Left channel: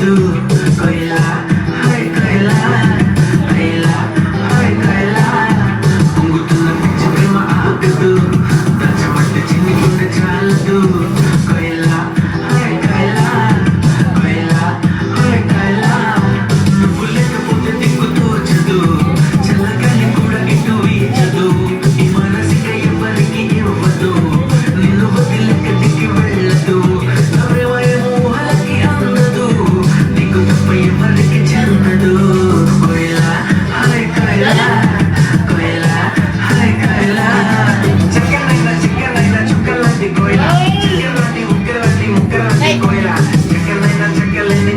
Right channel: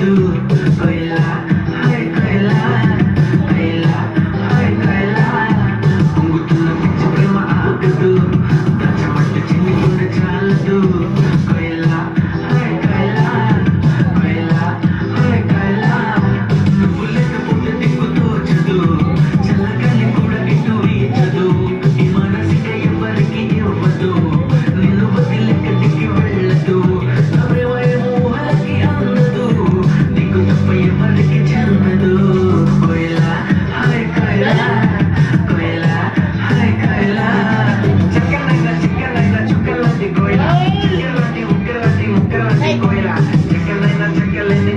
చాలదు కొయిలా hi కొయిలా కొయిలా hi కొయిలా పొంగుతున్న పిచ్చి ప్రేమ ఆగదు దాచబడ్డ చిన్ని గుండె చాలదు కొయిలా హాయ్ కొయిలా కొయిలా హాయ్ కొయిలా నువ్వు లేకపోతే దిక్కు తోచదు చల్లగాలి కూడా ఇటు వీచదు ఈ మనసిక ఎవరికి ఇవ్వదు నిన్ను వదిలెక్కడికి వెళ్ళదు నవ్వేమో ఊహలకి అందదు నీకు తప్ప ఎవరికి చెందదు కొయిలా హాయ్ కొయిలా కొయిలా హాయ్ కొయిలా చక్కనైనా చిక్కనైనా చుక్కలాంటి కొయిలా చిక్కలాంటి ఉక్కలాంటి ముక్కలాంటి కొయిలా చక్కనైనా చక్కలేని